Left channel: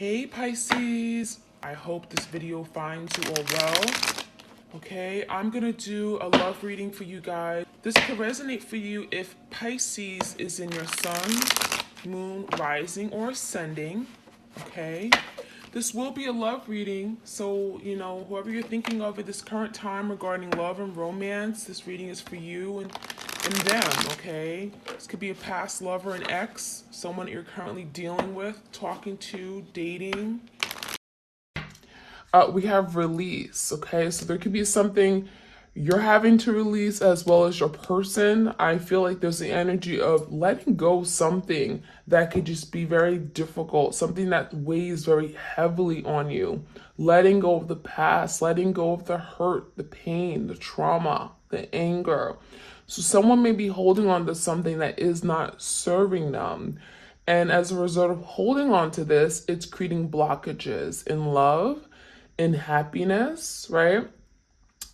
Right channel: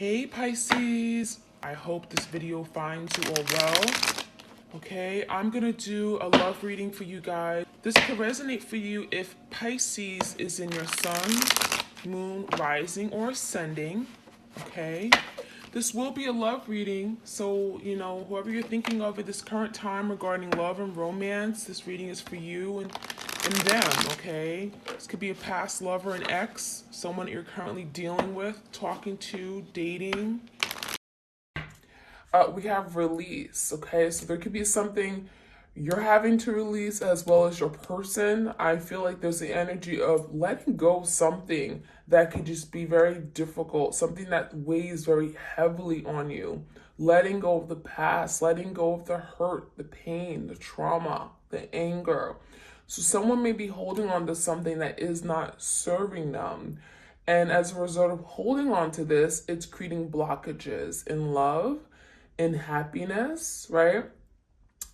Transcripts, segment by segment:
Hey Pisces, I hope this video finds you all well. Okay, I'm gonna do a love reading for you guys. This could resonate for you if Pisces is in your sun, moon, rising, or ascending. Okay, this will be a love reading, so whoever you're thinking of at this current time regarding love and romance, this reading is for you and them. Okay, this could be a past lover, an ex, someone you're currently dealing with, talking to, dating. We have release. Okay, so there could be something you're having to release as well as your person. I feel like there's the energy of letting go of something that could just be very difficult, something that weighs very heavily on you. Letting go of the past, letting go of the hurt, the pain, the trauma, the anger. So someone may be holding on to something that is not serving them. And as a result of holding on to this, it's creating blockages in love, in happiness, right?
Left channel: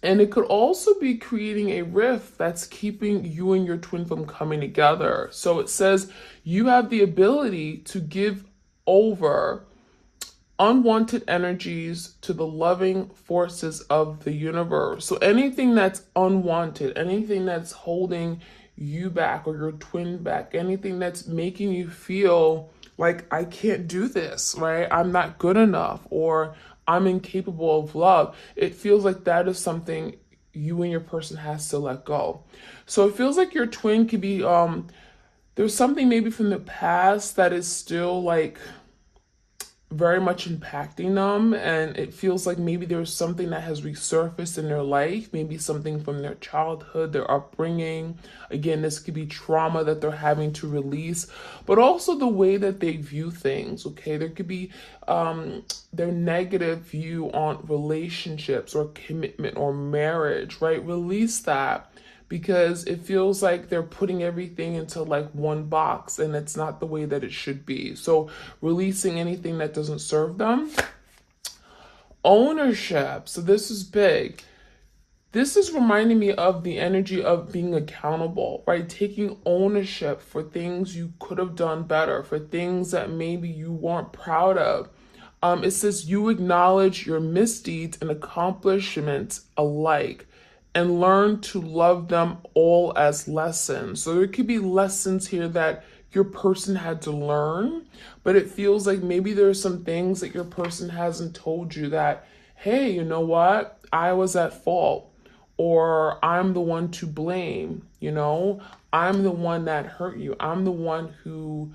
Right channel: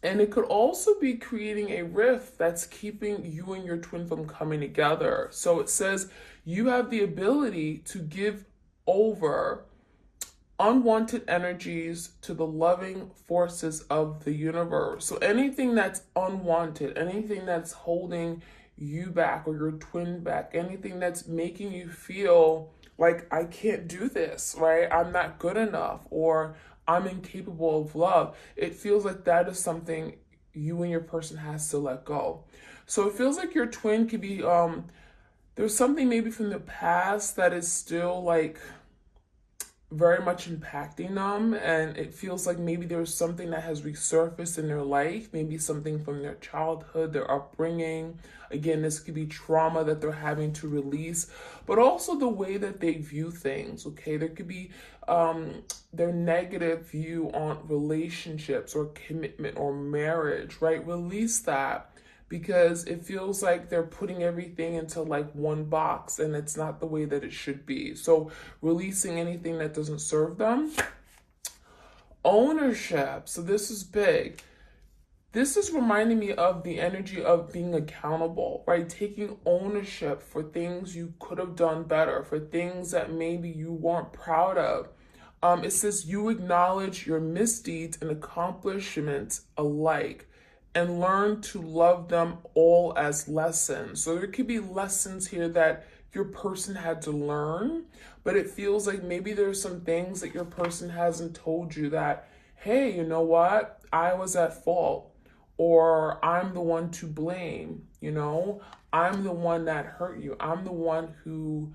And it could also be creating a rift that's keeping you and your twin from coming together. So it says you have the ability to give over unwanted energies to the loving forces of the universe. So anything that's unwanted, anything that's holding you back or your twin back, anything that's making you feel like I can't do this, right? I'm not good enough, or I'm incapable of love. It feels like that is something you and your person has to let go. So it feels like your twin could be there's something maybe from the past that is still like very much impacting them, and it feels like maybe there's something that has resurfaced in their life, maybe something from their childhood, their upbringing. Again, this could be trauma that they're having to release, but also the way that they view things. Okay, there could be their negative view on relationships or commitment or marriage, right? Release that, because it feels like they're putting everything into like one box, and it's not the way that it should be. So releasing anything that doesn't serve them. Ownership. So this is big. This is reminding me of the energy of being accountable, right? Taking ownership for things you could have done better, for things that maybe you weren't proud of. It says you acknowledge your misdeeds and accomplishments alike, and learn to love them all as lessons. So there could be lessons here that your person had to learn, but it feels like maybe there's some things that your person hasn't told you that, hey, you know what? I was at fault, or I'm the one to blame, I'm the one that hurt you. I'm the one who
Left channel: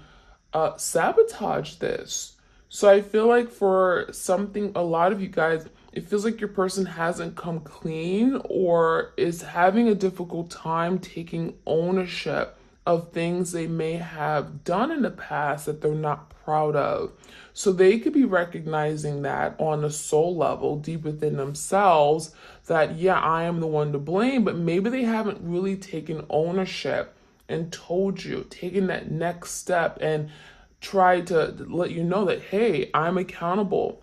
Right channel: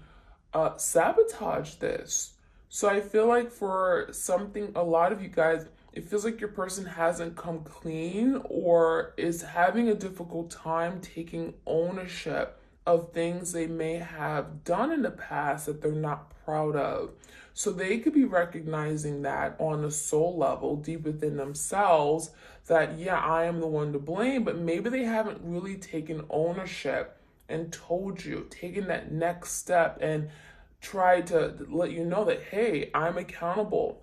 sabotaged this. So I feel like for something, a lot of you guys, it feels like your person hasn't come clean or is having a difficult time taking ownership of things they may have done in the past that they're not proud of. So they could be recognizing that on a soul level, deep within themselves, that, yeah, I am the one to blame, but maybe they haven't really taken ownership and told you, taken that next step and try to let you know that, hey, I'm accountable.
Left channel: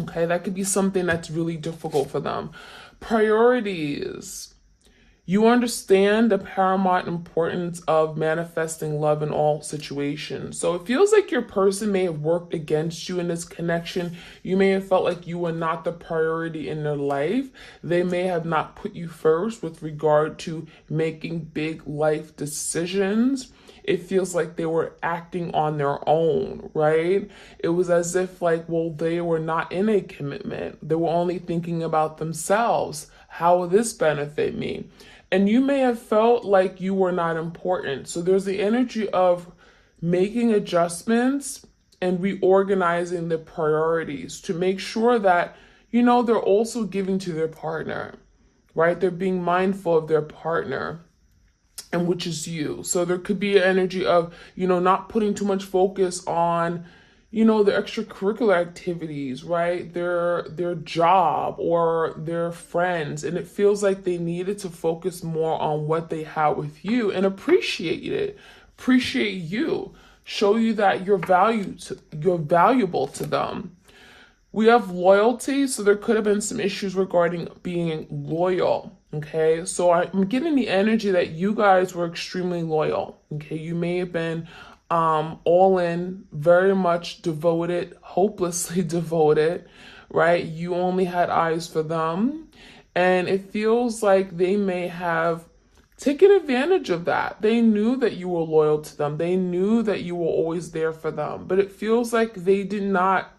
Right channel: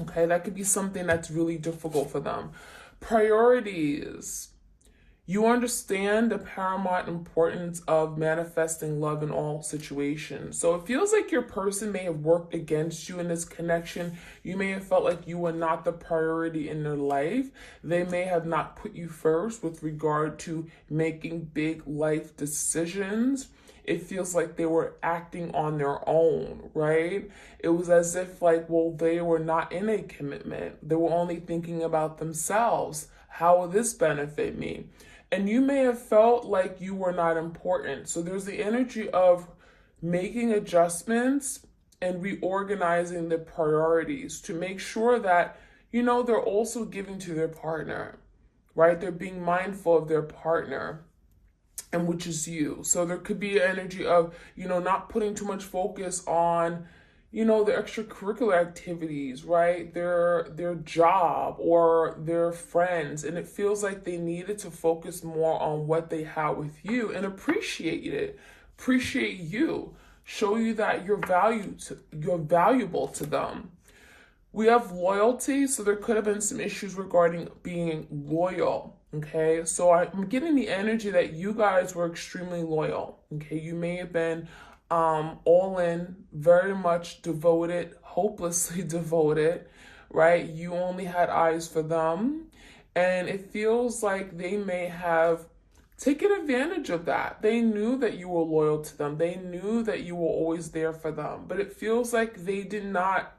Okay, that could be something that's really difficult for them. Priorities. You understand the paramount importance of manifesting love in all situations. So it feels like your person may have worked against you in this connection. You may have felt like you were not the priority in their life. They may have not put you first with regard to making big life decisions. It feels like they were acting on their own, right? It was as if like, well, they were not in a commitment. They were only thinking about themselves. How will this benefit me? And you may have felt like you were not important. So there's the energy of making adjustments and reorganizing the priorities to make sure that, they're also giving to their partner, right? They're being mindful of their partner, and which is you. So there could be an energy of, not putting too much focus on, the extracurricular activities, right? Their job or their friends. And it feels like they needed to focus more on what they have with you and appreciate it, appreciate you, show you that you're valuable to them. We have loyalty, so there could have been some issues regarding being loyal, okay? So I'm getting the energy that you guys were extremely loyal, okay? You may have been all in, very much devoted, hopelessly devoted, right? You only had eyes for them. And it feels like they may have taken advantage of that. They knew that you were loyal to them. They knew that you were always there for them. But it feels like they did not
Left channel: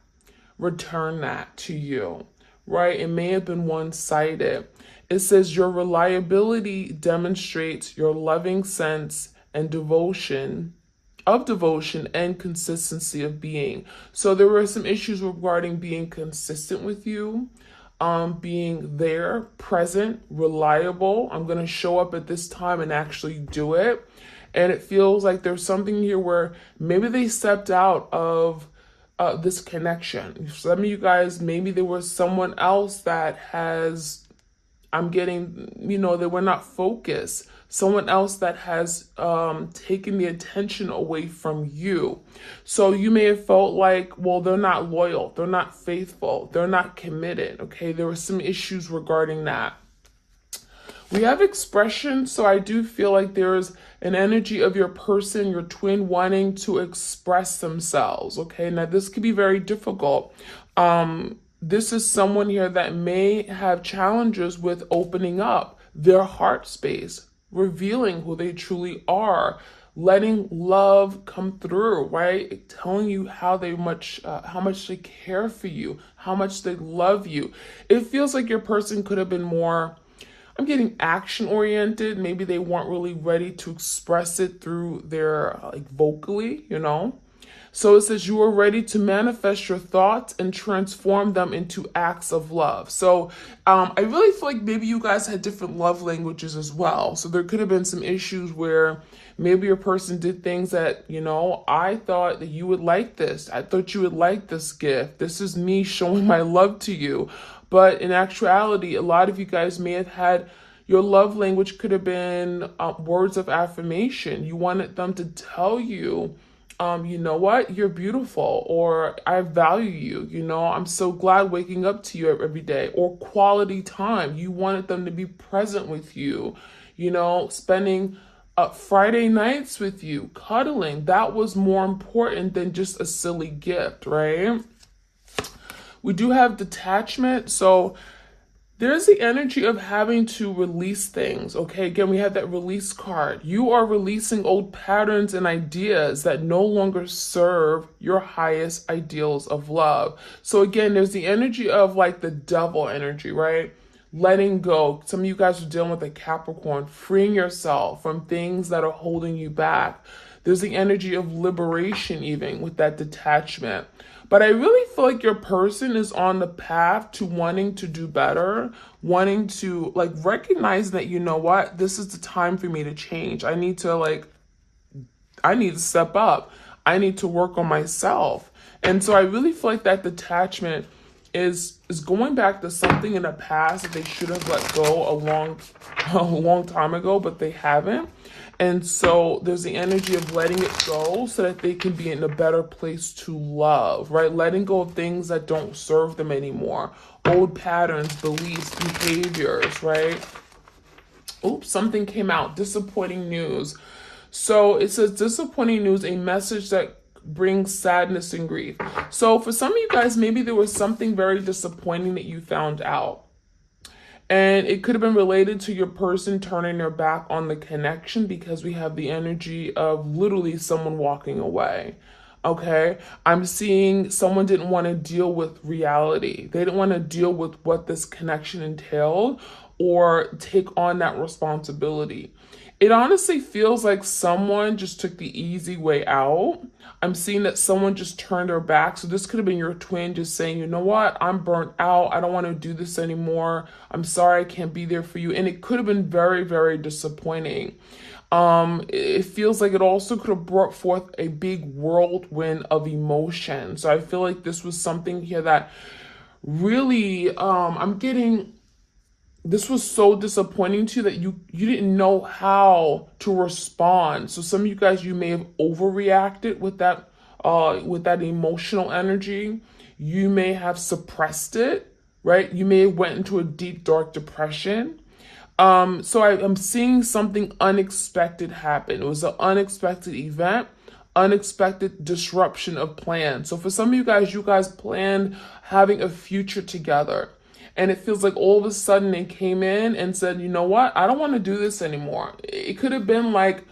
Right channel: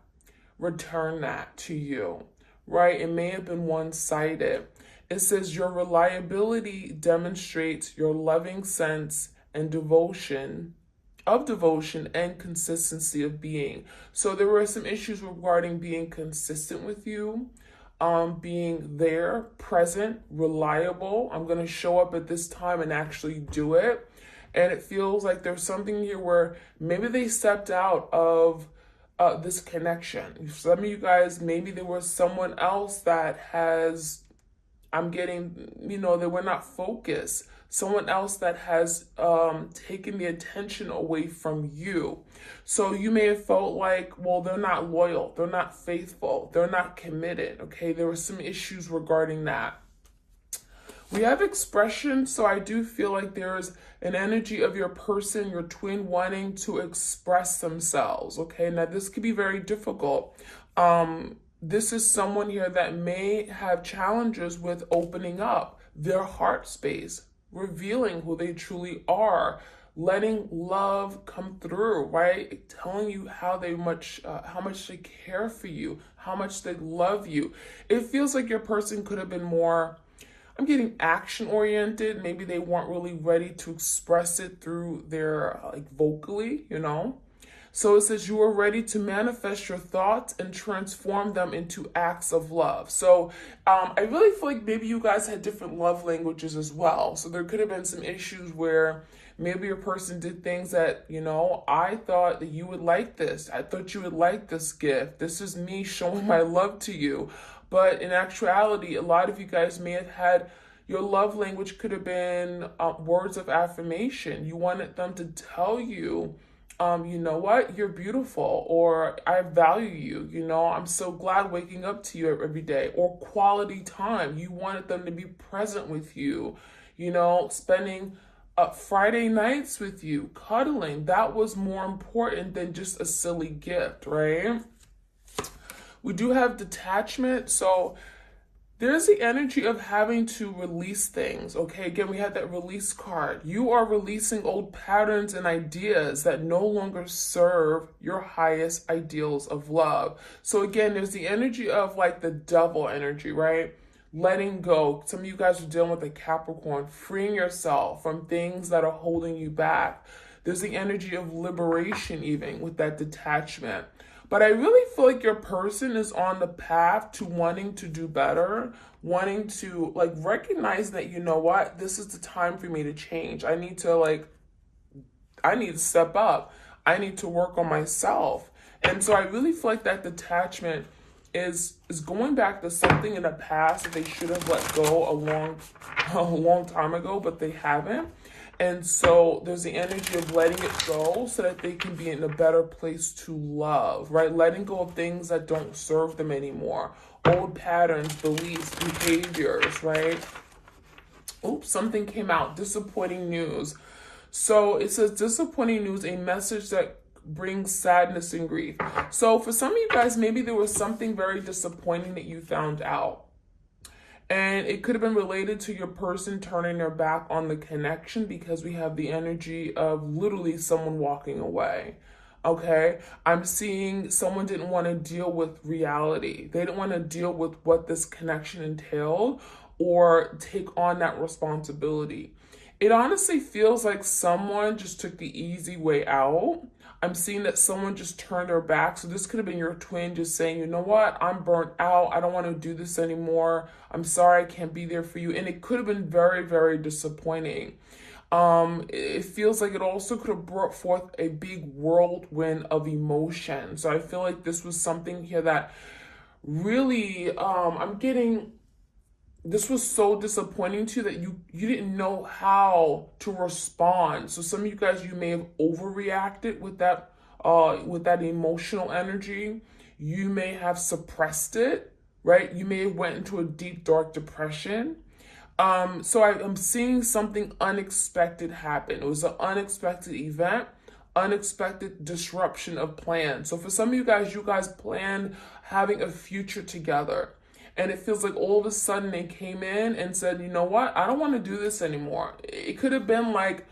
return that to you, right? It may have been one-sided. It says your reliability demonstrates your loving sense and devotion and consistency of being. So there were some issues regarding being consistent with you, being there, present, reliable. I'm going to show up at this time and actually do it. And it feels like there's something here where maybe they stepped out of this connection. Some of you guys, maybe there was someone else that has, I'm getting, they were not focused. Someone else that has taken the attention away from you. So you may have felt like, well, they're not loyal, they're not faithful, they're not committed, okay? There were some issues regarding that. We have expression, so I do feel like there's an energy of your person, your twin, wanting to express themselves, okay? Now, this could be very difficult. This is someone here that may have challenges with opening up their heart space, revealing who they truly are, letting love come through, right? Telling you how much they care for you, how much they love you. It feels like your person could have been more, I'm getting action oriented. Maybe they weren't really ready to express it through their vocally, So it says you are ready to manifest your thoughts and transform them into acts of love. So I really feel like maybe you guys had different love languages as well. So there could have been some issues where maybe your person did things that, I thought that you would like this. I thought you would like this gift. This is me showing my love to you. But in actuality, a lot of you guys may have had, your love language could have been words of affirmation. You wanted them to tell you, you know what, you're beautiful, or I value you, I'm so glad waking up to you every day, or quality time. You wanted them to be present with you, spending Friday nights with you, cuddling. That was more important than just a silly gift, right? We do have detachment, so there's the energy of having to release things, okay? Again, we have that release card. You are releasing old patterns and ideas that no longer serve your highest ideals of love. So again, there's the energy of the devil energy, right? Letting go. Some of you guys are dealing with a Capricorn, freeing yourself from things that are holding you back. There's the energy of liberation even with that detachment. But I really feel like your person is on the path to wanting to do better, wanting to recognize that, what, this is the time for me to change. I need to step up. I need to work on myself. And so I really feel like that detachment is going back to something in the past that they should have let go a long time ago, but they haven't. And so there's the energy of letting it go so that they can be in a better place to love, right? Letting go of things that don't serve them anymore. Old patterns, beliefs, behaviors, right? Oops, something came out. Disappointing news. So it says disappointing news, a message that brings sadness and grief. So for some of you guys, maybe there was something very disappointing that you found out. And it could have been related to your person turning their back on the connection, because we have the energy of literally someone walking away. Okay, I'm seeing someone didn't want to deal with reality. They didn't want to deal with what this connection entailed or take on that responsibility. It honestly feels like someone just took the easy way out. I'm seeing that someone just turned their back. So this could have been your twin just saying, you know what, I'm burnt out. I don't want to do this anymore. I'm sorry I can't be there for you. And it could have been very, very disappointing. It feels like it also could have brought forth a big whirlwind of emotion. So I feel like this was something here that really, I'm getting, this was so disappointing to you that you didn't know how to respond. So some of you guys, you may have overreacted with that emotional energy. You may have suppressed it, right? You may have went into a deep, dark depression. So I'm seeing something unexpected happen. It was an unexpected event, unexpected disruption of plans. So for some of you guys planned having a future together. And it feels like all of a sudden they came in and said, you know what? I don't want to do this anymore. It could have been like,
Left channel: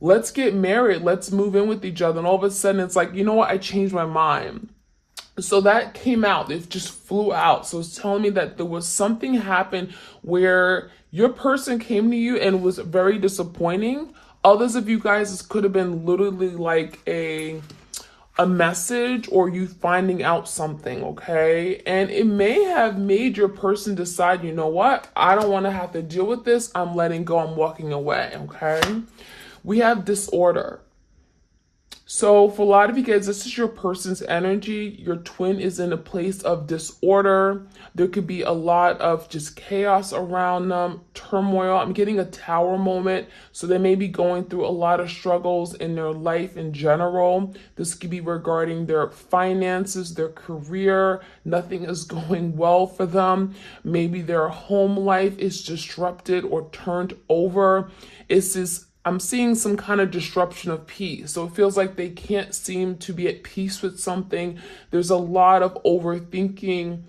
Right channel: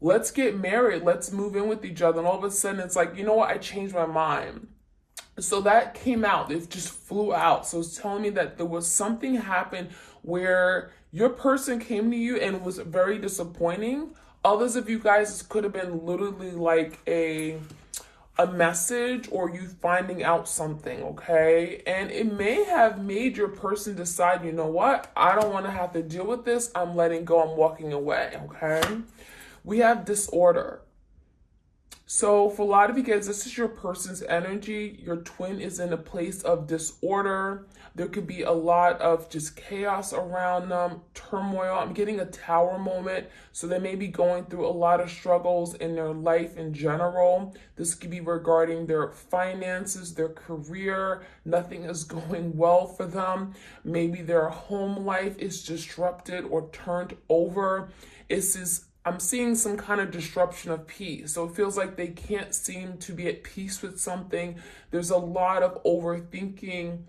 let's get married. Let's move in with each other. And all of a sudden it's like, you know what? I changed my mind. So that came out. It just flew out. So it's telling me that there was something happened where your person came to you and was very disappointing. Others of you guys, this could have been literally like a message or you finding out something, okay? And it may have made your person decide, you know what? I don't want to have to deal with this. I'm letting go. I'm walking away, okay? We have disorder. So for a lot of you guys, this is your person's energy. Your twin is in a place of disorder. There could be a lot of just chaos around them, turmoil. I'm getting a tower moment. So they may be going through a lot of struggles in their life in general. This could be regarding their finances, their career. Nothing is going well for them. Maybe their home life is disrupted or turned over. I'm seeing some kind of disruption of peace. So it feels like they can't seem to be at peace with something. There's a lot of overthinking,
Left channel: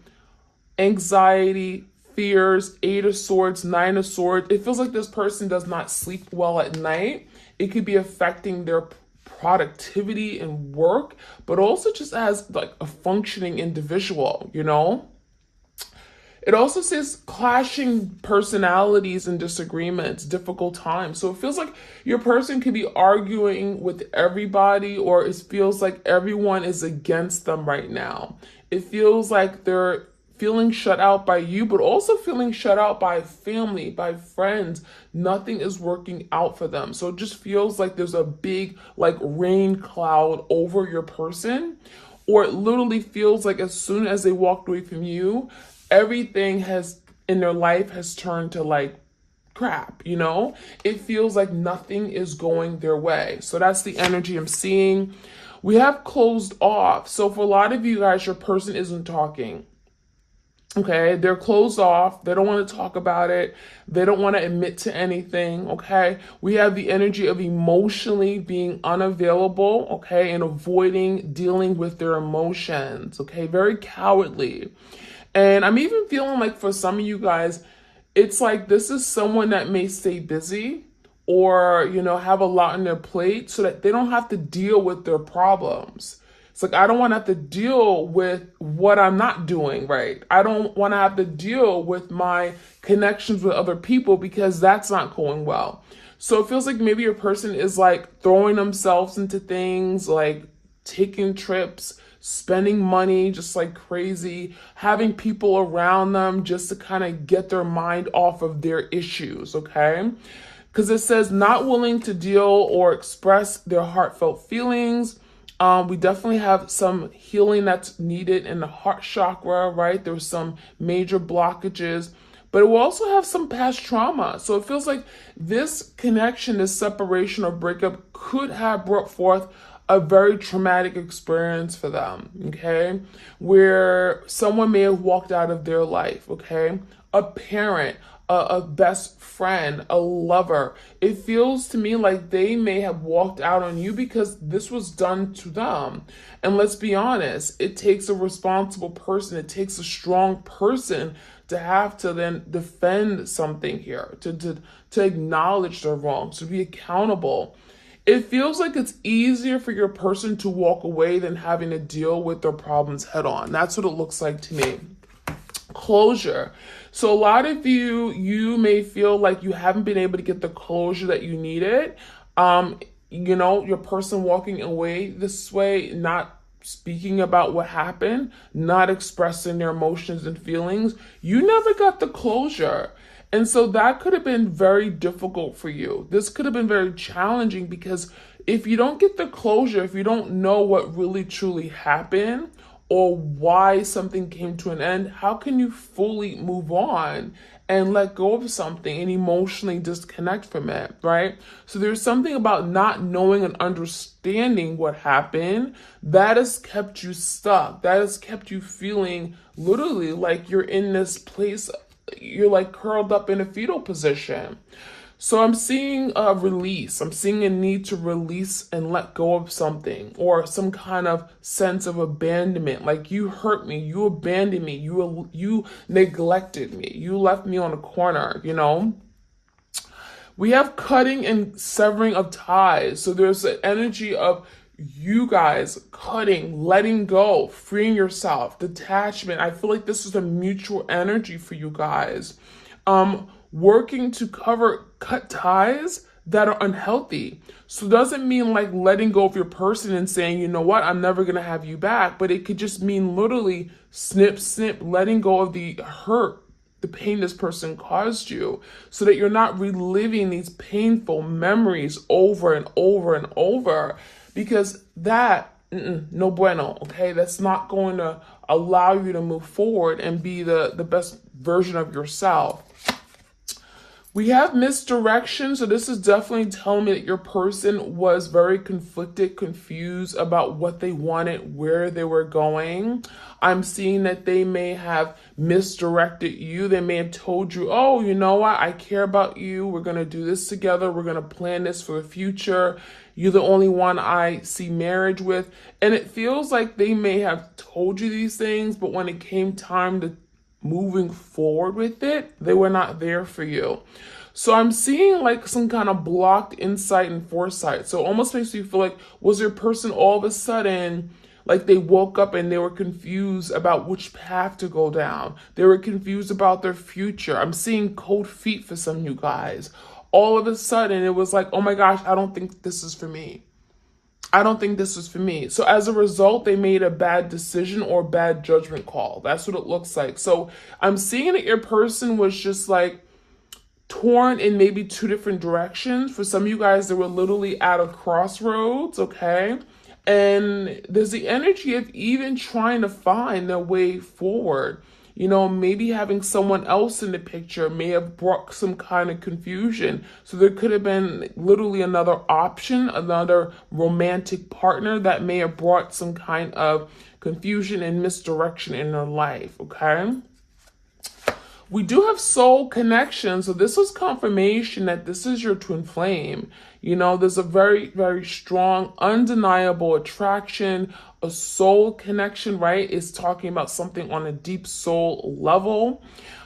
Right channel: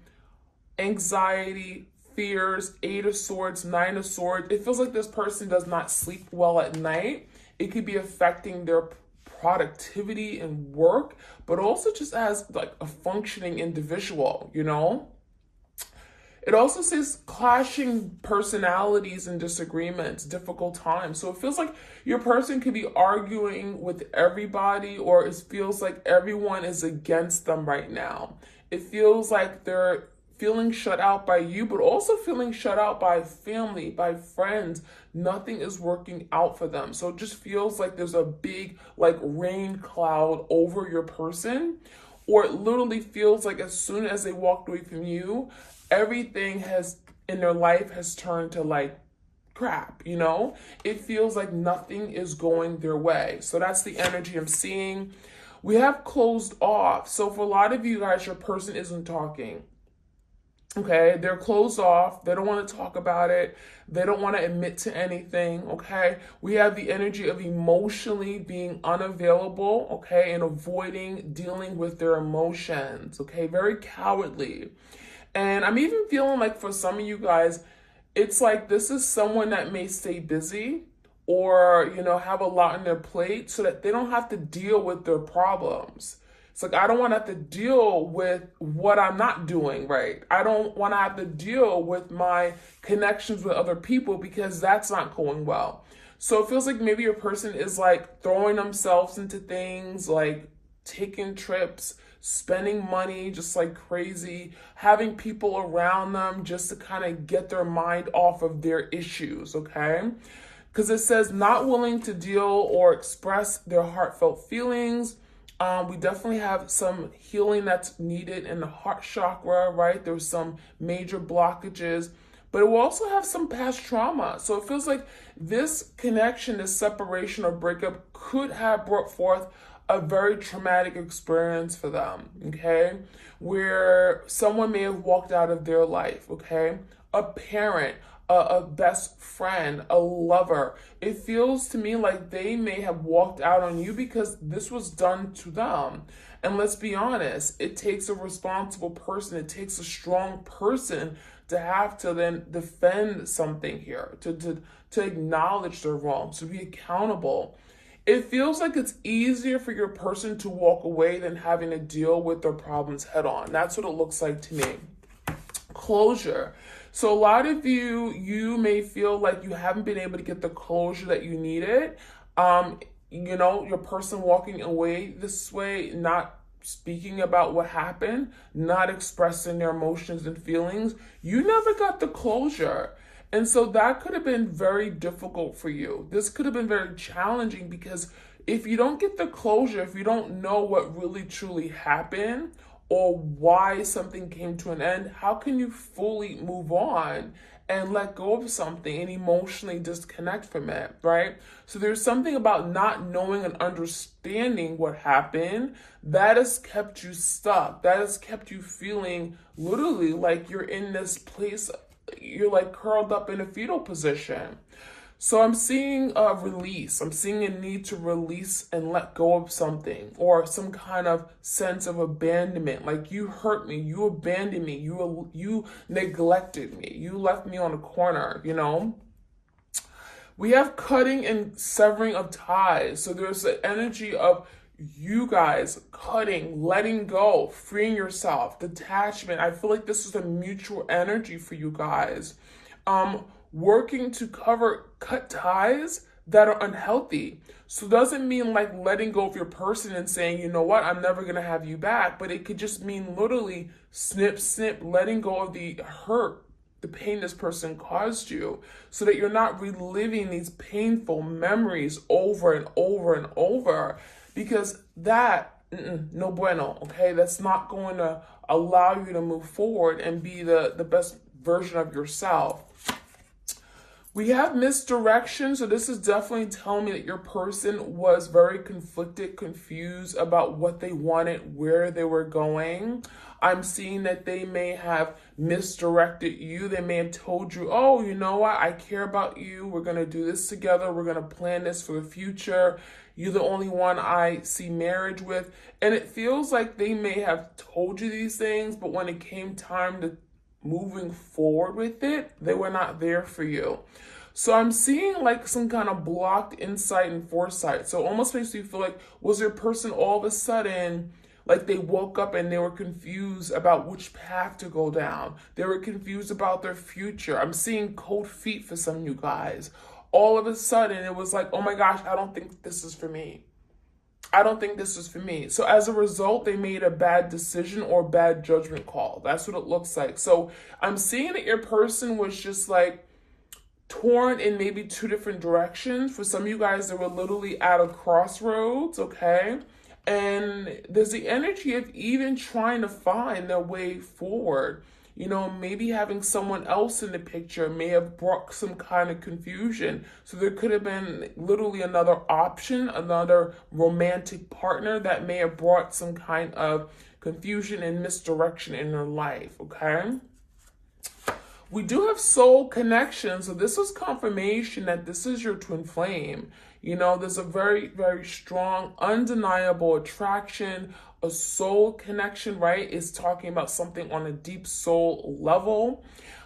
anxiety, fears, 8 of Swords, 9 of Swords. It feels like this person does not sleep well at night. It could be affecting their productivity and work, but also just as like a functioning individual, you know? It also says clashing personalities and disagreements, difficult times. So it feels like your person could be arguing with everybody, or it feels like everyone is against them right now. It feels like they're feeling shut out by you, but also feeling shut out by family, by friends. Nothing is working out for them. So it just feels like there's a big like rain cloud over your person, or it literally feels like as soon as they walked away from you, everything has in their life has turned to like crap, you know? It feels like nothing is going their way. So that's the energy I'm seeing. We have closed off. So for a lot of you guys, your person isn't talking. Okay, they're closed off. They don't want to talk about it. They don't want to admit to anything. Okay, we have the energy of emotionally being unavailable. Okay, and avoiding dealing with their emotions. Okay, very cowardly. And I'm even feeling like for some of you guys, it's like this is someone that may stay busy or, you know, have a lot on their plate so that they don't have to deal with their problems. It's like, I don't want to have to deal with what I'm not doing right. I don't want to have to deal with my connections with other people because that's not going well. So it feels like maybe your person is like throwing themselves into things like taking trips, spending money just like crazy, having people around them just to kind of get their mind off of their issues, okay? Because it says not willing to deal or express their heartfelt feelings. We definitely have some healing that's needed in the heart chakra, right? There's some major blockages, but it will also have some past trauma. So it feels like this connection, this separation or breakup could have brought forth a very traumatic experience for them, okay? Where someone may have walked out of their life, okay? A parent, a best friend, a lover. It feels to me like they may have walked out on you because this was done to them. And let's be honest, it takes a responsible person, it takes a strong person to have to then defend something here, to acknowledge their wrongs, to be accountable. It feels like it's easier for your person to walk away than having to deal with their problems head on. That's what it looks like to me. Closure. So a lot of you may feel like you haven't been able to get the closure that you needed. You know, your person walking away this way, not speaking about what happened, not expressing their emotions and feelings. You never got the closure. And so that could have been very difficult for you. This could have been very challenging because if you don't get the closure, if you don't know what really truly happened or why something came to an end, how can you fully move on and let go of something and emotionally disconnect from it, right? So there's something about not knowing and understanding what happened that has kept you stuck. That has kept you feeling literally like you're in this place, you're like curled up in a fetal position. So I'm seeing a release. I'm seeing a need to release and let go of something, or some kind of sense of abandonment. Like, you hurt me, you abandoned me, you neglected me, you left me on a corner, you know? We have cutting and severing of ties. So there's an energy of you guys cutting, letting go, freeing yourself, detachment. I feel like this is a mutual energy for you guys. Working to cut ties that are unhealthy. So it doesn't mean like letting go of your person and saying, you know what, I'm never gonna have you back. But it could just mean literally snip, snip, letting go of the hurt, the pain this person caused you, so that you're not reliving these painful memories over and over and over, because that, no bueno, okay? That's not going to allow you to move forward and be the best version of yourself. We have misdirection, so this is definitely telling me that your person was very conflicted, confused about what they wanted, where they were going. I'm seeing that they may have misdirected you. They may have told you, oh, you know what? I care about you. We're going to do this together. We're going to plan this for the future. You're the only one I see marriage with. And it feels like they may have told you these things, but when it came time to moving forward with it, they were not there for you. So I'm seeing like some kind of blocked insight and foresight. So it almost makes you feel like, was your person all of a sudden, like they woke up and they were confused about which path to go down. They were confused about their future. I'm seeing cold feet for some of you guys. All of a sudden it was like, oh my gosh, I don't think this is for me. I don't think this is for me. So as a result, they made a bad decision or bad judgment call. That's what it looks like. So I'm seeing that your person was just like torn in maybe two different directions. For some of you guys, they were literally at a crossroads, okay? And there's the energy of even trying to find their way forward. You know, maybe having someone else in the picture may have brought some kind of confusion. So there could have been literally another option, another romantic partner that may have brought some kind of confusion and misdirection in their life, okay? We do have soul connection. So this was confirmation that this is your twin flame. You know, there's a very, very strong, undeniable attraction, a soul connection, right? Is talking about something on a deep soul level,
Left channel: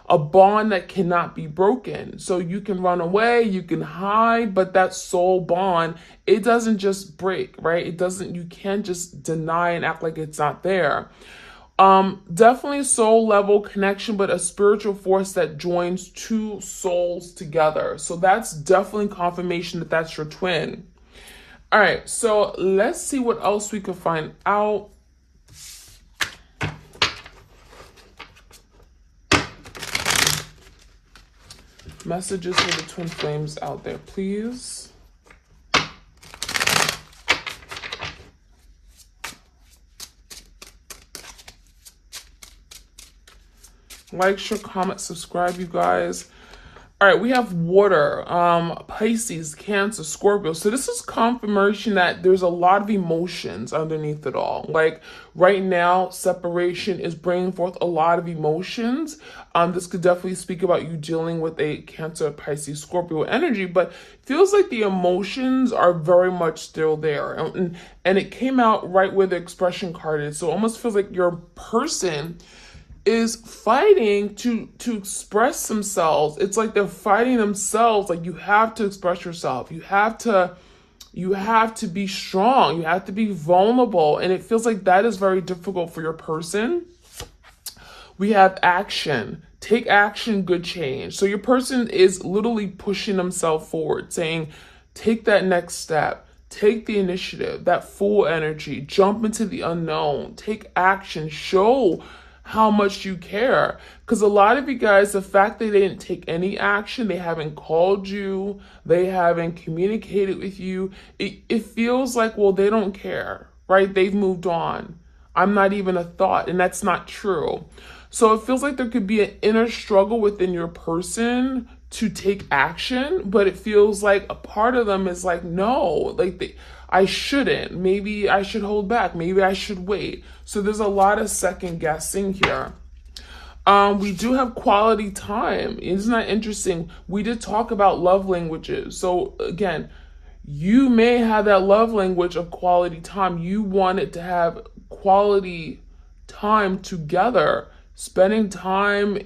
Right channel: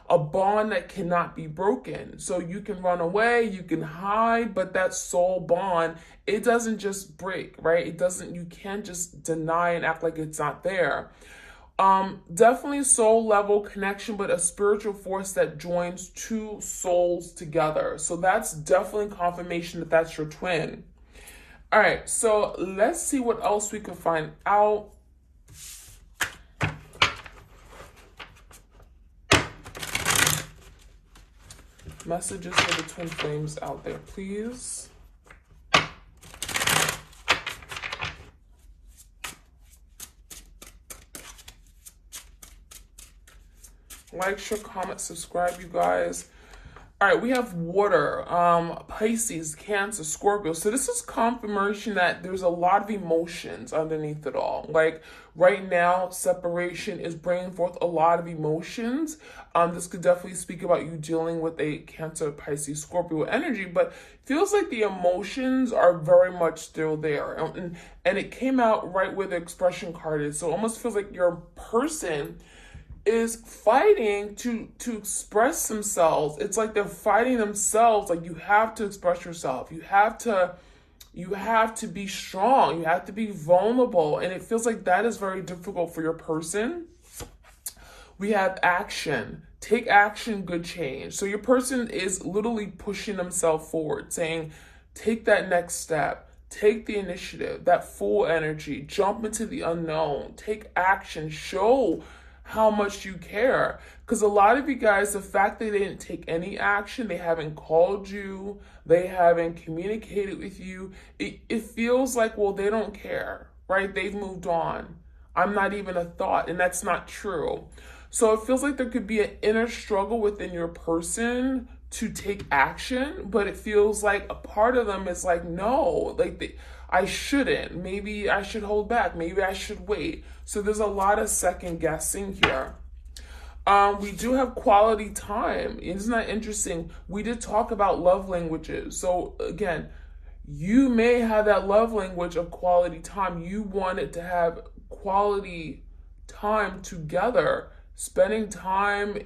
a bond that cannot be broken. So you can run away, you can hide, but that soul bond, it doesn't just break, right? You can't just deny and act like it's not there. Definitely soul level connection, but a spiritual force that joins two souls together. So that's definitely confirmation that that's your twin. All right, so let's see what else we can find out. Messages for the twin flames out there, please. Like, share, comment, subscribe, you guys. All right, we have water, Pisces, Cancer, Scorpio. So this is confirmation that there's a lot of emotions underneath it all. Like right now, separation is bringing forth a lot of emotions. This could definitely speak about you dealing with a Cancer, Pisces, Scorpio energy, but feels like the emotions are very much still there. And it came out right where the expression card is. So it almost feels like your person is fighting to express themselves. It's like they're fighting themselves. Like, you have to express yourself. You have to be strong. You have to be vulnerable. And it feels like that is very difficult for your person. We have action. Take action, good change. So your person is literally pushing themselves forward, saying, take that next step. Take the initiative, that full energy, jump into the unknown, take action, show how much you care. Because a lot of you guys, the fact that they didn't take any action, they haven't called you, they haven't communicated with you, it feels like, well, they don't care, right? They've moved on. I'm not even a thought, and that's not true. So it feels like there could be an inner struggle within your person to take action, but it feels like a part of them is like, no, like I shouldn't. Maybe I should hold back. Maybe I should wait. So there's a lot of second guessing here. We do have quality time. Isn't that interesting? We did talk about love languages. So again, you may have that love language of quality time. You wanted to have quality time together, spending time,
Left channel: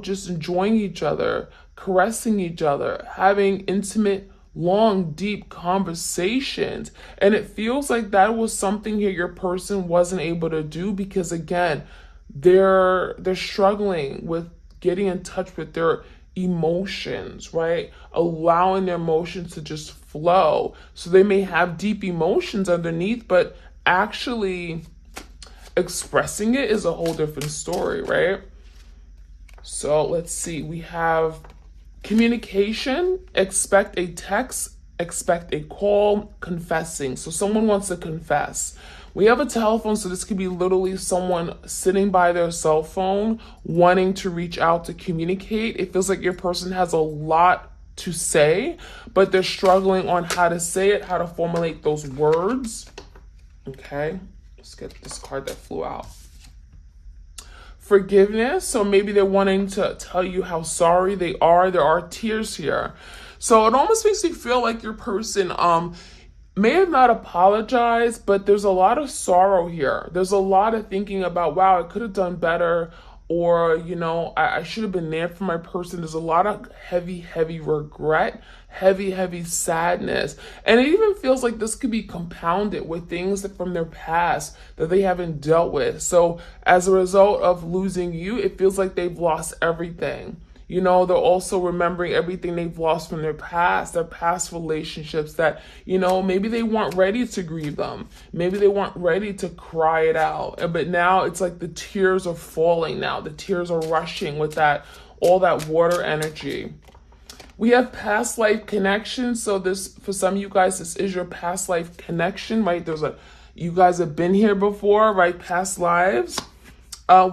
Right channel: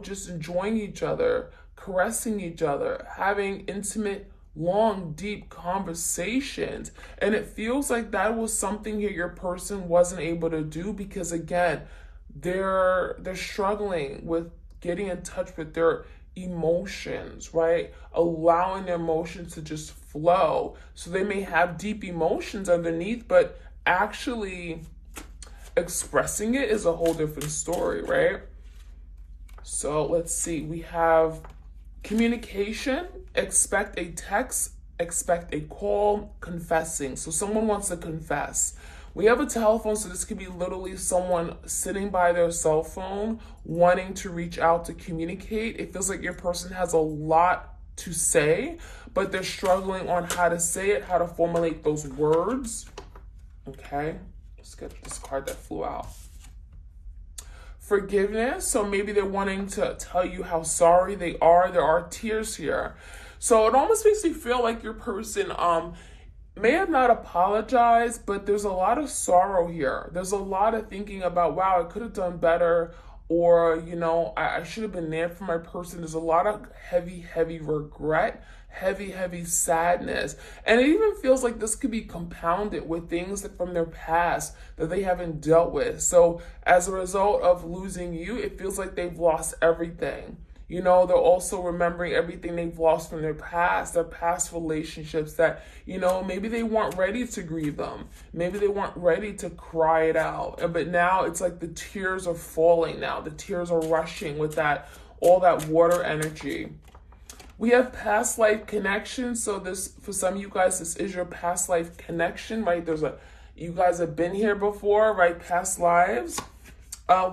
just enjoying each other, caressing each other, having intimate, long, deep conversations. And it feels like that was something here your person wasn't able to do because, again, they're struggling with getting in touch with their emotions, right? Allowing their emotions to just flow. So they may have deep emotions underneath, but actually expressing it is a whole different story, right? So let's see. We have communication, expect a text, expect a call, confessing. So someone wants to confess. We have a telephone, so this could be literally someone sitting by their cell phone wanting to reach out to communicate. It feels like your person has a lot to say, but they're struggling on how to say it, how to formulate those words. Okay, let's get this card that flew out. Forgiveness, so maybe they're wanting to tell you how sorry they are. There are tears here. So it almost makes me feel like your person may have not apologized, but there's a lot of sorrow here. There's a lot of thinking about, wow, I could have done better, or, I should have been there for my person. There's a lot of heavy regret, heavy sadness. And it even feels like this could be compounded with things that from their past that they haven't dealt with. So as a result of losing you, it feels like they've lost everything. They're also remembering everything they've lost from their past relationships that, maybe they weren't ready to grieve them. Maybe they weren't ready to cry it out. But now it's like the tears are falling now. The tears are rushing with all that water energy. We have past life connection. So this, for some of you guys, this is your past life connection, right? You guys have been here before, right? Past lives.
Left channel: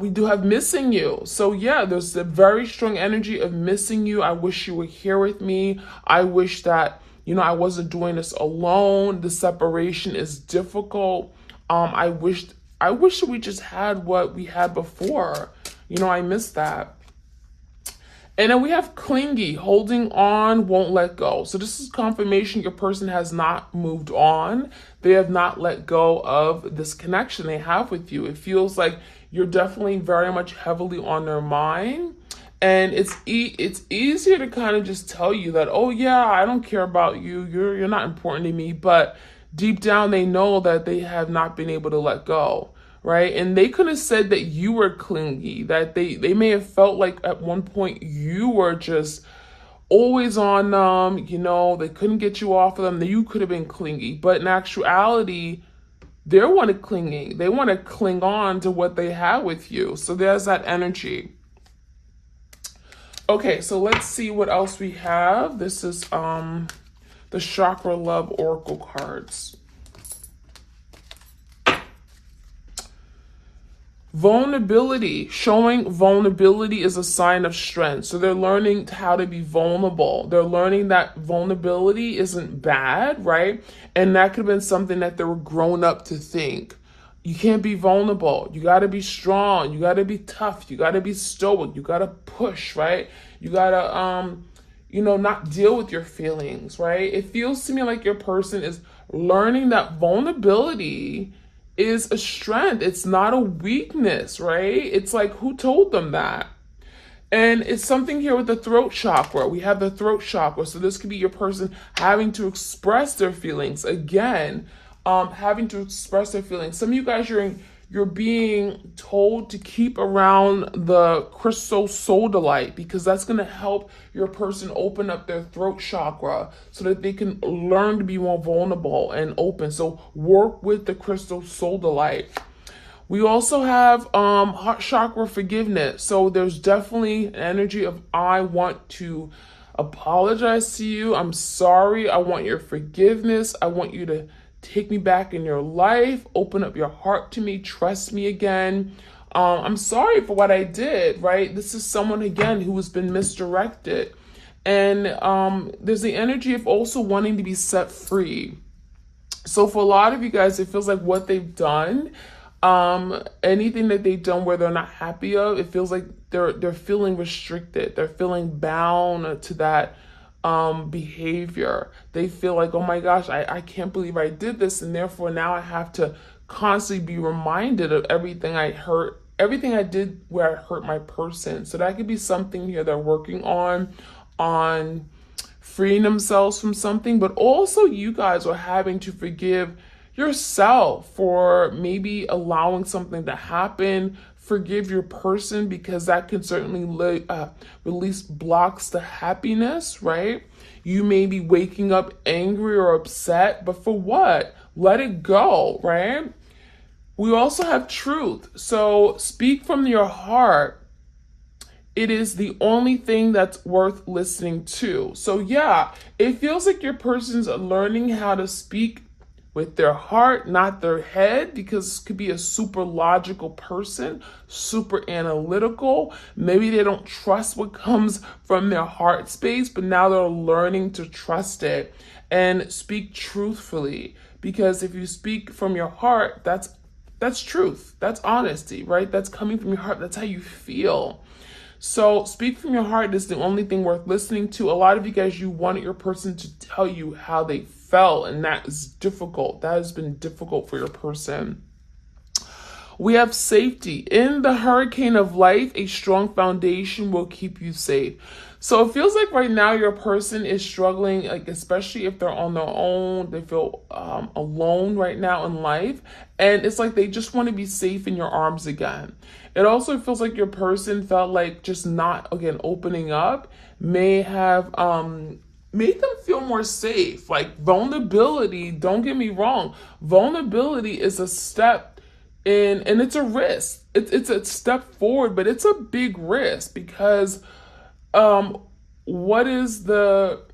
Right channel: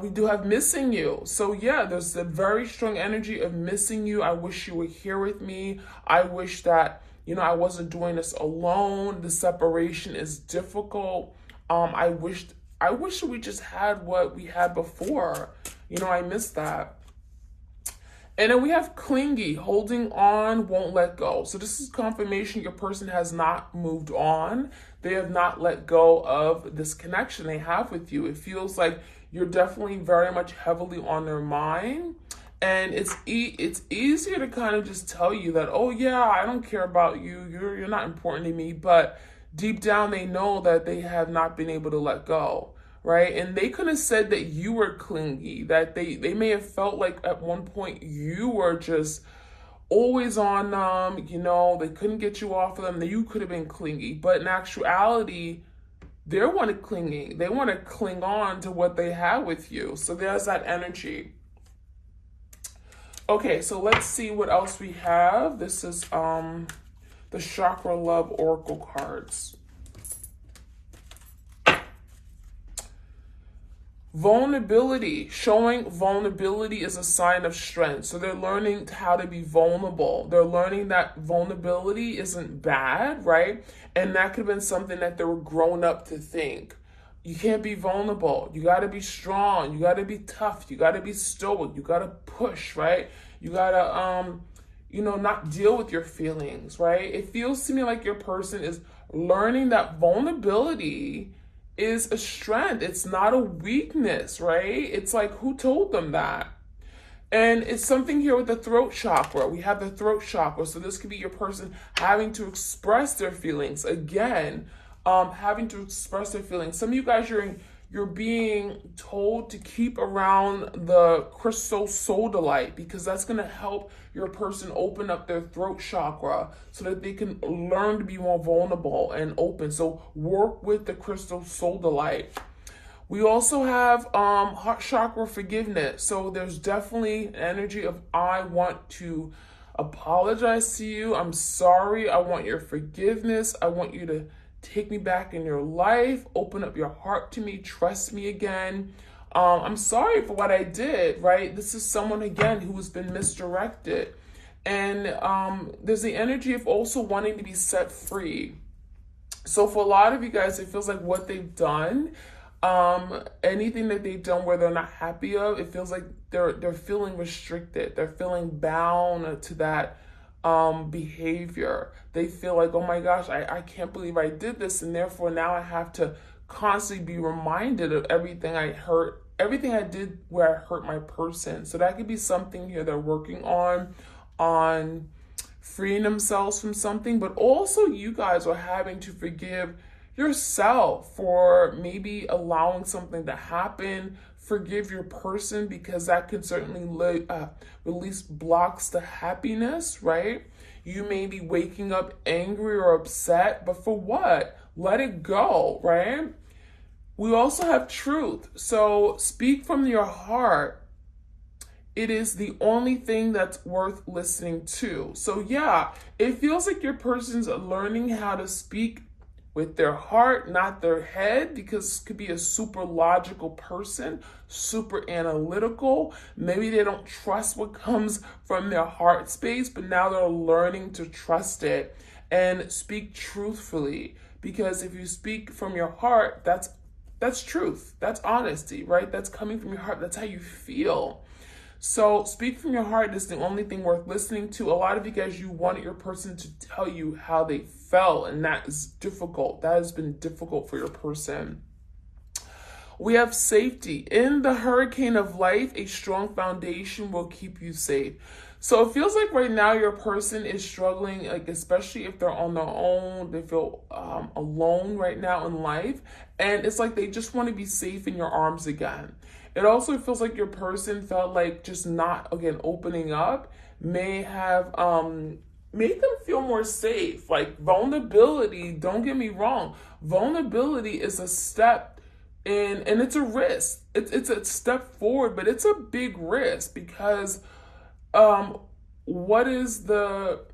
We do have missing you. So yeah, there's a very strong energy of missing you. I wish you were here with me. I wish that, I wasn't doing this alone. The separation is difficult. I wish that we just had what we had before. I miss that. And then we have clingy, holding on, won't let go. So this is confirmation your person has not moved on. They have not let go of this connection they have with you. It feels like you're definitely very much heavily on their mind. And it's easier to kind of just tell you that, oh yeah, I don't care about you. You're not important to me. But deep down, they know that they have not been able to let go. Right? And they could have said that you were clingy, that they may have felt like at one point you were just always on them, they couldn't get you off of them, that you could have been clingy. But in actuality, they want to clinging. They want to cling on to what they have with you. So there's that energy. Okay, so let's see what else we have. This is the Chakra Love Oracle cards. Vulnerability, showing vulnerability is a sign of strength. So they're learning how to be vulnerable. They're learning that vulnerability isn't bad, right? And that could have been something that they were grown up to think. You can't be vulnerable. You got to be strong. You got to be tough. You got to be stoic. You got to push, right? You got to, not deal with your feelings, right? It feels to me like your person is learning that vulnerability is a strength. It's not a weakness, right? It's like, who told them that? And it's something here with the throat chakra. We have the throat chakra. So this could be your person having to express their feelings. Again, having to express their feelings. Some of you guys, you're being told to keep around the crystal sodalite because that's going to help your person open up their throat chakra so that they can learn to be more vulnerable and open. So work with the crystal sodalite. We also have heart chakra forgiveness. So there's definitely an energy of, I want to apologize to you. I'm sorry. I want your forgiveness. I want you to take me back in your life, open up your heart to me, trust me again. I'm sorry for what I did, right? This is someone, again, who has been misdirected. And there's the energy of also wanting to be set free. So for a lot of you guys, it feels like what they've done Anything that they've done where they're not happy of, it feels like they're feeling restricted. They're feeling bound to that behavior. They feel like, oh my gosh, I can't believe I did this, and therefore now I have to constantly be reminded of everything I hurt, everything I did where I hurt my person. So that could be something here they're working on freeing themselves from something, but also you guys are having to forgive yourself for maybe allowing something to happen. Forgive your person, because that can certainly release blocks to happiness, right? You may be waking up angry or upset, but for what? Let it go, right? We also have truth. So speak from your heart. It is the only thing that's worth listening to. So yeah, it feels like your person's learning how to speak with their heart, not their head, because this could be a super logical person, super analytical. Maybe they don't trust what comes from their heart space, but now they're learning to trust it and speak truthfully. Because if you speak from your heart, that's truth. That's honesty, right? That's coming from your heart. That's how you feel. So speak from your heart is the only thing worth listening to. A lot of you guys, you wanted your person to tell you how they felt, and that is difficult. That has been difficult for your person. We have safety. In the hurricane of life, a strong foundation will keep you safe. So it feels like right now your person is struggling, like especially if they're on their own, they feel alone right now in life. And it's like they just want to be safe in your arms again. It also feels like your person felt like just not, again, opening up may have made them feel more safe. Like vulnerability, don't get me wrong, vulnerability is a step and it's a risk. It's a step forward, but it's a big risk because what is the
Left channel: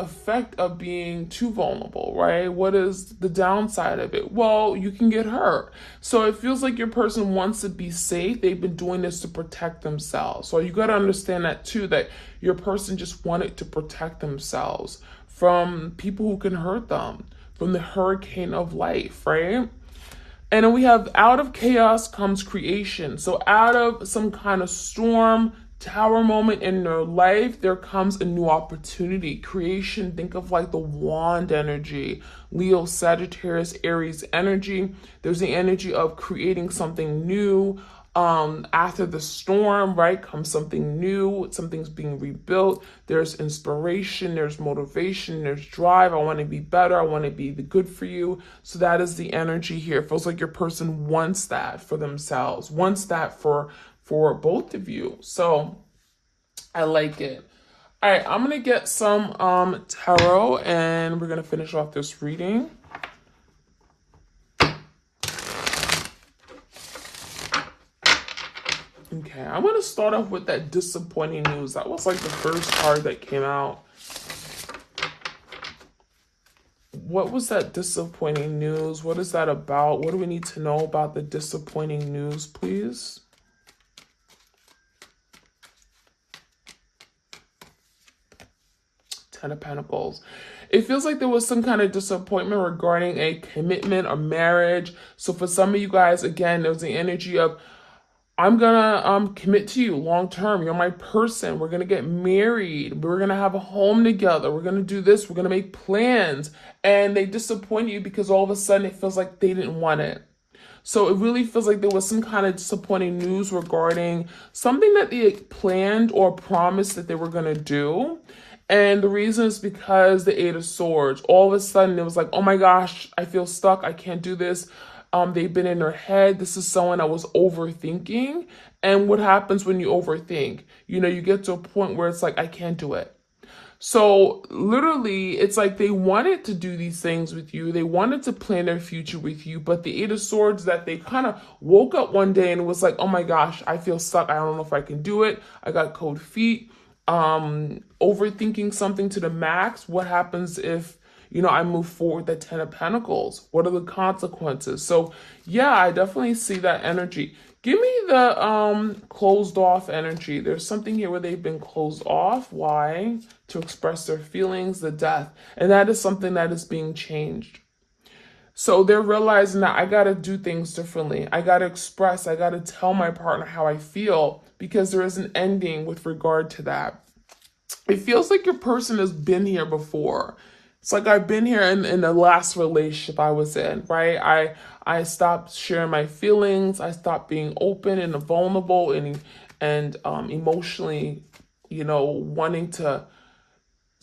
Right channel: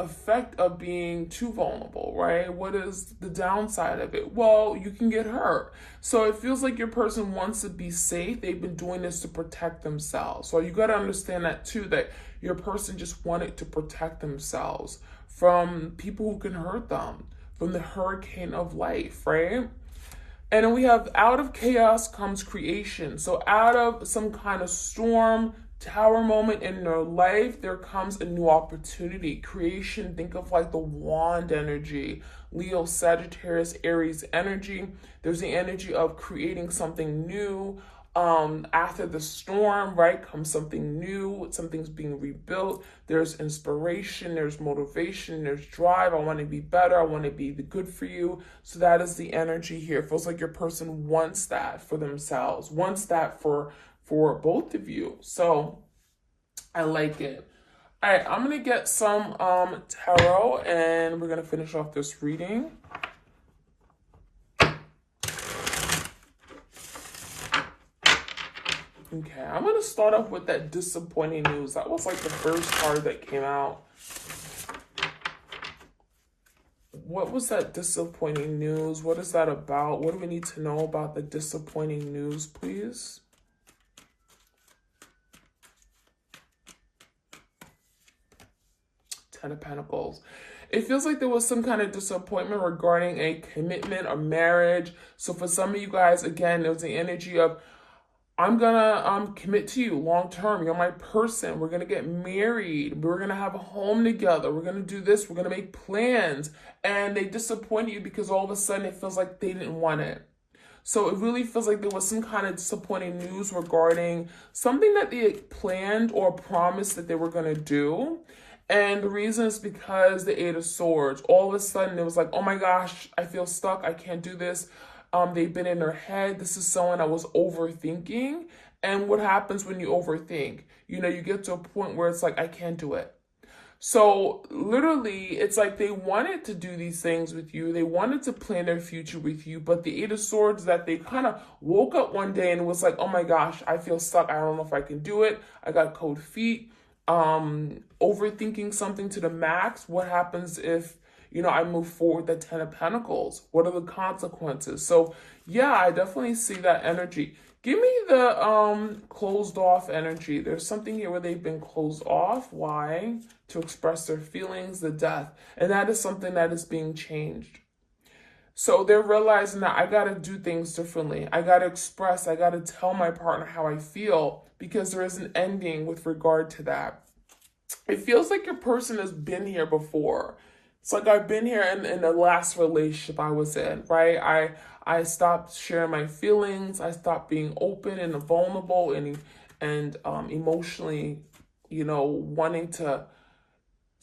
effect of being too vulnerable, right? What is the downside of it? Well, you can get hurt. So it feels like your person wants to be safe. They've been doing this to protect themselves. So you got to understand that too, that your person just wanted to protect themselves from people who can hurt them, from the hurricane of life, right? And then we have out of chaos comes creation. So out of some kind of storm, tower moment in their life, there comes a new opportunity. Creation, think of like the wand energy, Leo, Sagittarius, Aries energy. There's the energy of creating something new. After the storm, right, comes something new. Something's being rebuilt. There's inspiration, there's motivation, there's drive. I want to be better. I want to be the good for you. So that is the energy here. It feels like your person wants that for themselves, wants that for both of you. So I like it. All right, I'm going to get some tarot and we're going to finish off this reading. Okay, I'm going to start off with that disappointing news. That was like the first card that came out. What was that disappointing news? What is that about? What do we need to know about the disappointing news, please? Ten of Pentacles. It feels like there was some kind of disappointment regarding a commitment or marriage. So for some of you guys, again, there's the energy of, I'm gonna commit to you long term. You're my person. We're gonna get married. We're gonna have a home together. We're gonna do this. We're gonna make plans. And they disappoint you because all of a sudden it feels like they didn't want it. So it really feels like there was some kind of disappointing news regarding something that they had planned or promised that they were gonna do. And the reason is because the Eight of Swords. All of a sudden it was like, oh my gosh, I feel stuck. I can't do this. They've been in their head. This is someone that was overthinking. And what happens when you overthink? You know, you get to a point where it's like, I can't do it. So literally, it's like they wanted to do these things with you. They wanted to plan their future with you. But the Eight of Swords, that they kind of woke up one day and was like, oh my gosh, I feel stuck. I don't know if I can do it. I got cold feet. Overthinking something to the max. What happens if, you know, I move forward the Ten of Pentacles? What are the consequences? So yeah, I definitely see that energy. Give me the closed off energy. There's something here where they've been closed off. Why? To express their feelings, the death. And that is something that is being changed. So they're realizing that I got to do things differently. I got to express, I got to tell my partner how I feel because there is an ending with regard to that. It feels like your person has been here before. It's like I've been here in the last relationship I was in, right? I stopped sharing my feelings. I stopped being open and vulnerable and emotionally, wanting to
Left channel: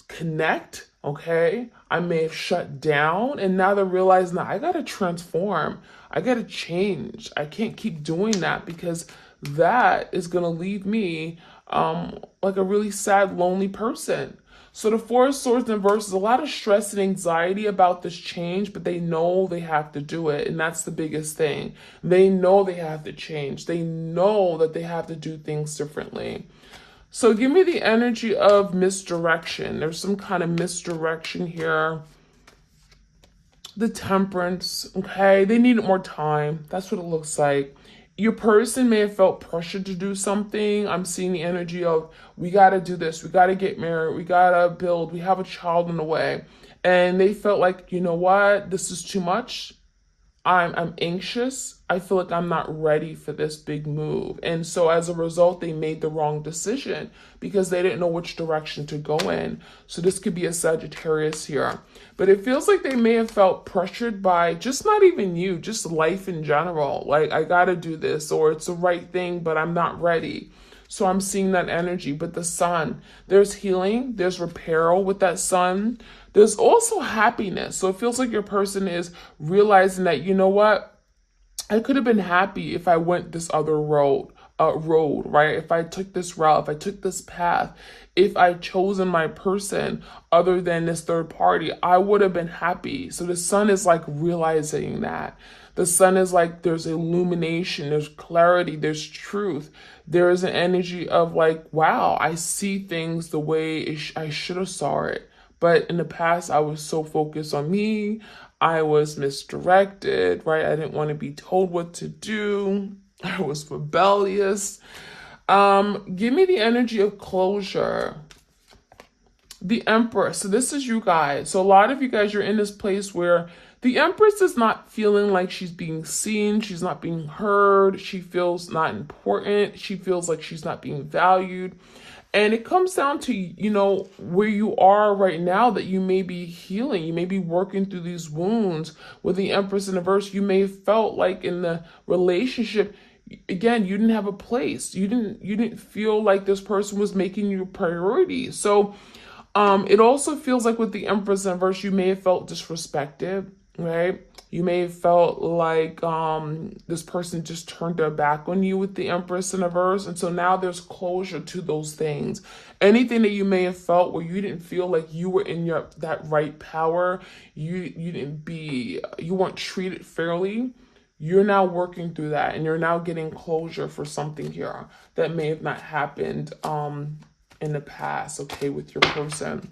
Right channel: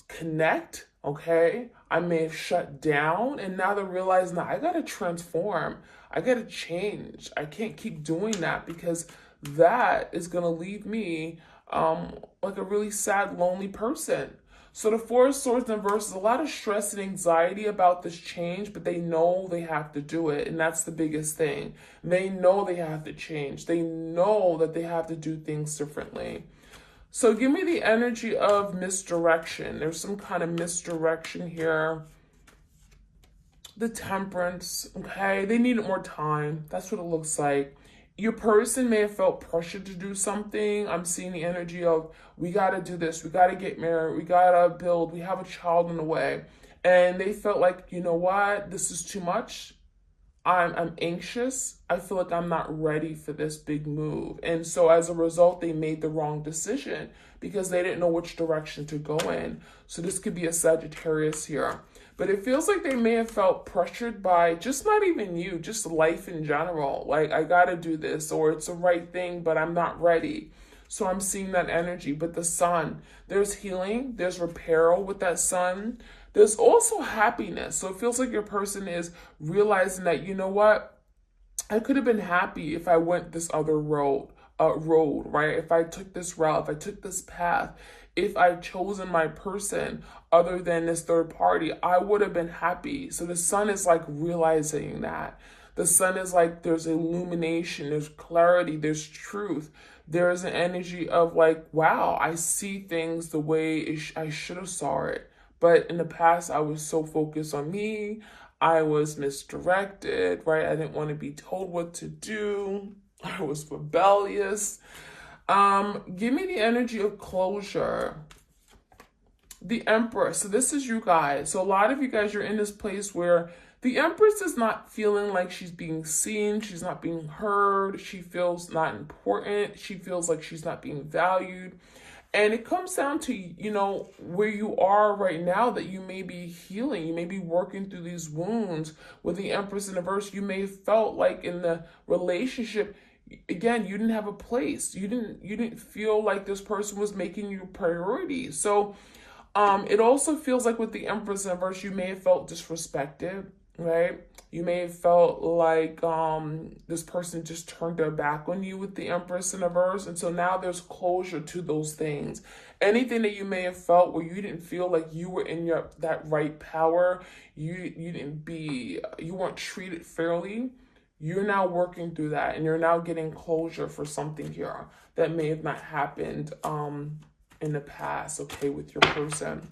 connect. Okay, I may have shut down, and now they're realizing that I gotta transform. I gotta change. I can't keep doing that because that is gonna leave me like a really sad, lonely person. So the Four of Swords in reverse is a lot of stress and anxiety about this change, but they know they have to do it, and that's the biggest thing. They know they have to change. They know that they have to do things differently. So give me the energy of misdirection. There's some kind of misdirection here. The Temperance, okay? They needed more time. That's what it looks like. Your person may have felt pressured to do something. I'm seeing the energy of, we got to do this. We got to get married. We got to build. We have a child in the way. And they felt like, you know what? This is too much. I'm anxious. I feel like I'm not ready for this big move. And so as a result, they made the wrong decision because they didn't know which direction to go in. So this could be a Sagittarius here. But it feels like they may have felt pressured by just not even you, just life in general. Like, I got to do this, or it's the right thing, but I'm not ready. So I'm seeing that energy. But the Sun, there's healing, there's repair with that Sun. There's also happiness. So it feels like your person is realizing that, you know what? I could have been happy if I went this other road, right? If I took this route, if I took this path, if I chosen my person other than this third party, I would have been happy. So the Sun is like realizing that. The Sun is like, there's illumination, there's clarity, there's truth. There is an energy of like, wow, I see things the way I should have saw it. But in the past, I was so focused on me. I was misdirected, right? I didn't want to be told what to do. I was rebellious. Give me the energy of closure. The Empress. So this is you guys. So a lot of you guys, you're in this place where the Empress is not feeling like she's being seen. She's not being heard. She feels not important. She feels like she's not being valued. And it comes down to, where you are right now, that you may be healing. You may be working through these wounds. With the Empress in the verse, you may have felt like in the relationship, again, you didn't have a place. You didn't feel like this person was making you a priority. So it also feels like with the Empress in verse, you may have felt disrespected, right? You may have felt like this person just turned their back on you with the Empress in a verse. And so now there's closure to those things. Anything that you may have felt where you didn't feel like you were in that right power, you weren't treated fairly, you're now working through that, and you're now getting closure for something here that may have not happened in the past, okay, with your person.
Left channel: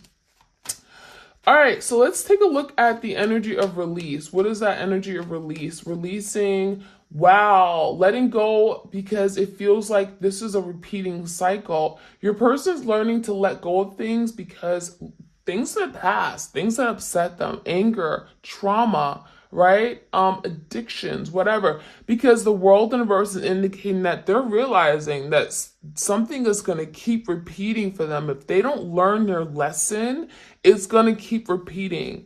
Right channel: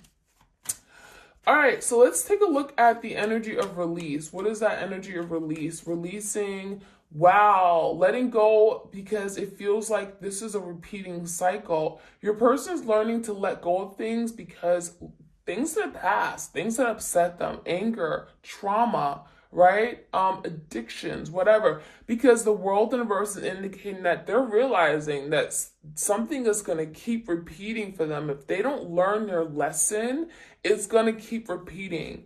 All right, so let's take a look at the energy of release. What is that energy of release? Releasing, wow, letting go, because it feels like this is a repeating cycle. Your person's learning to let go of things because things in the past, things that upset them, anger, trauma, right? Addictions, whatever, because the world universe is indicating that they're realizing that something is going to keep repeating for them. If they don't learn their lesson, it's going to keep repeating.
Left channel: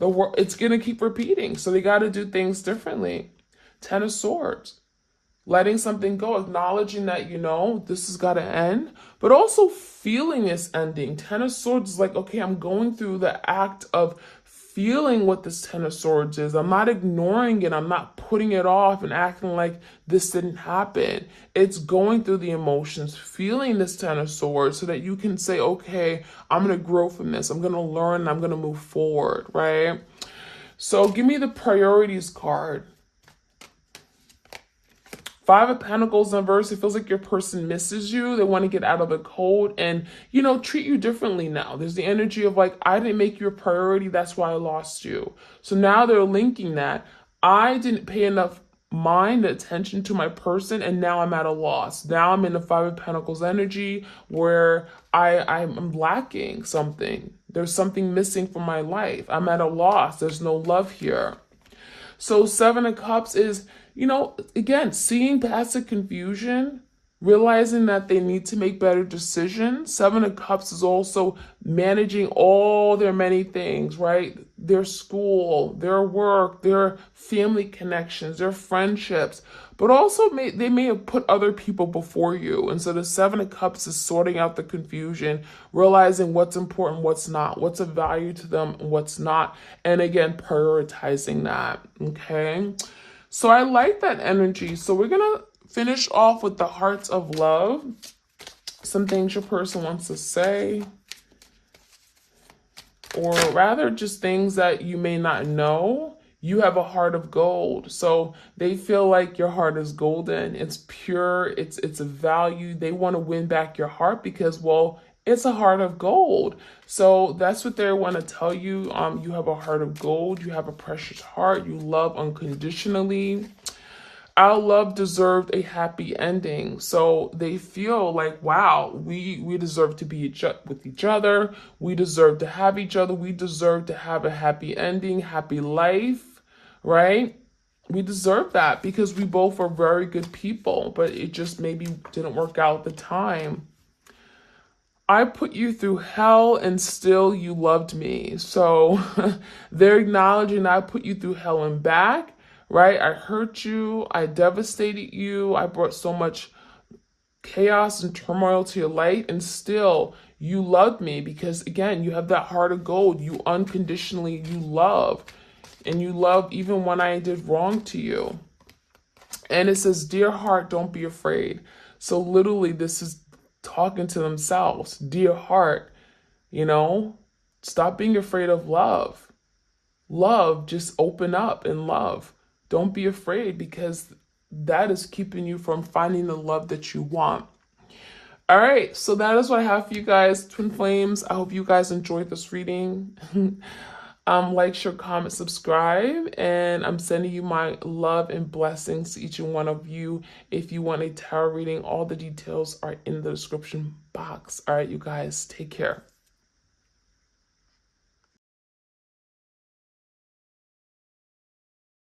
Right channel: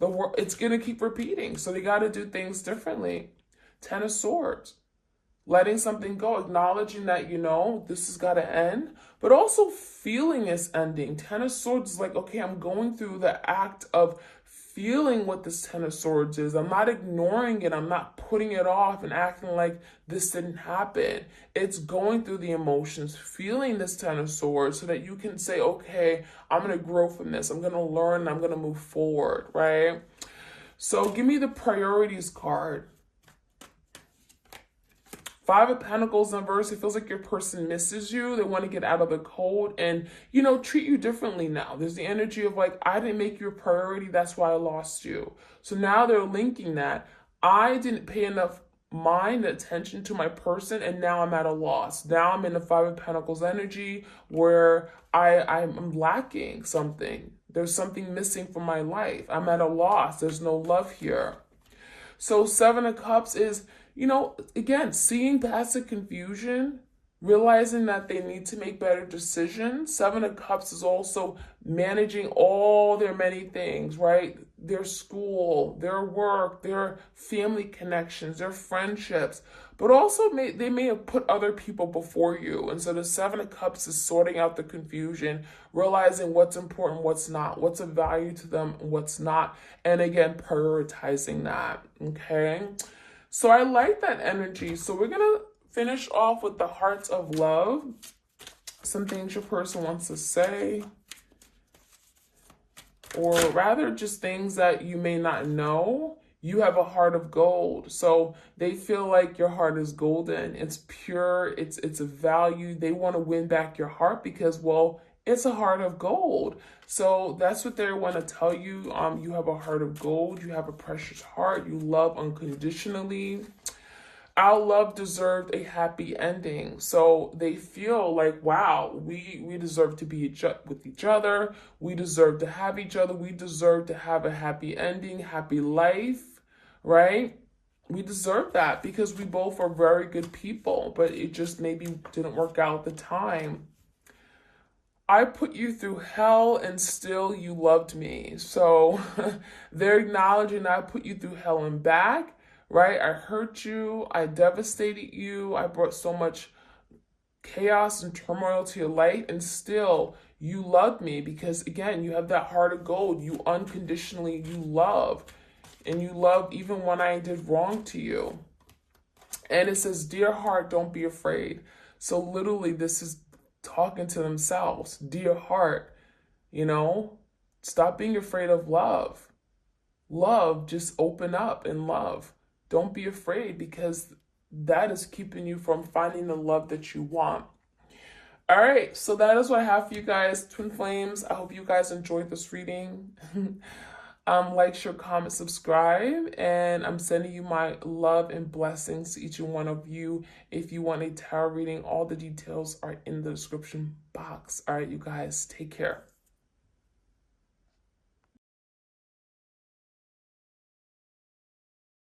It's going to keep repeating. So they got to do things differently. Ten of Swords. Letting something go, acknowledging that, this has got to end, but also feeling this ending. Ten of Swords is like, okay, I'm going through the act of feeling what this Ten of Swords is. I'm not ignoring it. I'm not putting it off and acting like this didn't happen. It's going through the emotions, feeling this Ten of Swords so that you can say, okay, I'm going to grow from this. I'm going to learn and I'm going to move forward, right? So give me the priorities card. Five of Pentacles in verse, it feels like your person misses you. They want to get out of the cold and, treat you differently now. There's the energy of like, I didn't make you a priority. That's why I lost you. So now they're linking that. I didn't pay enough mind attention to my person, and now I'm at a loss. Now I'm in the Five of Pentacles energy where I'm lacking something. There's something missing from my life. I'm at a loss. There's no love here. So Seven of Cups is, again, seeing past the confusion, realizing that they need to make better decisions. Seven of Cups is also managing all their many things, right? Their school, their work, their family connections, their friendships, but also they may have put other people before you. And so the Seven of Cups is sorting out the confusion, realizing what's important, what's not, what's of value to them, and what's not. And again, prioritizing that. Okay. So I like that energy. So we're going to finish off with the Hearts of Love. Some things your person wants to say, or rather just things that you may not know. You have a heart of gold. So they feel like your heart is golden. It's pure. It's a value. They want to win back your heart because, well, it's a heart of gold. So that's what they want to tell you. You have a heart of gold. You have a precious heart. You love unconditionally. Our love deserved a happy ending. So they feel like, wow, we deserve to be with each other. We deserve to have each other. We deserve to have a happy ending, happy life, right? We deserve that because we both are very good people, but it just maybe didn't work out at the time. I put you through hell and still you loved me. So they're acknowledging I put you through hell and back. Right? I hurt you. I devastated you. I brought so much chaos and turmoil to your life, and still you loved me because, again, you have that heart of gold. You unconditionally, you love, and you love even when I did wrong to you. And it says, dear heart, don't be afraid. So literally this is talking to themselves. Dear heart, stop being afraid of love. Love, just open up and love. Don't be afraid because that is keeping you from finding the love that you want. All right, so that is what I have for you guys, Twin Flames. I hope you guys enjoyed this reading. Like, share, comment, subscribe, and I'm sending you my love and blessings to each and one of you. If you want a tarot reading, all the details are in the description box. All right, you guys, take care.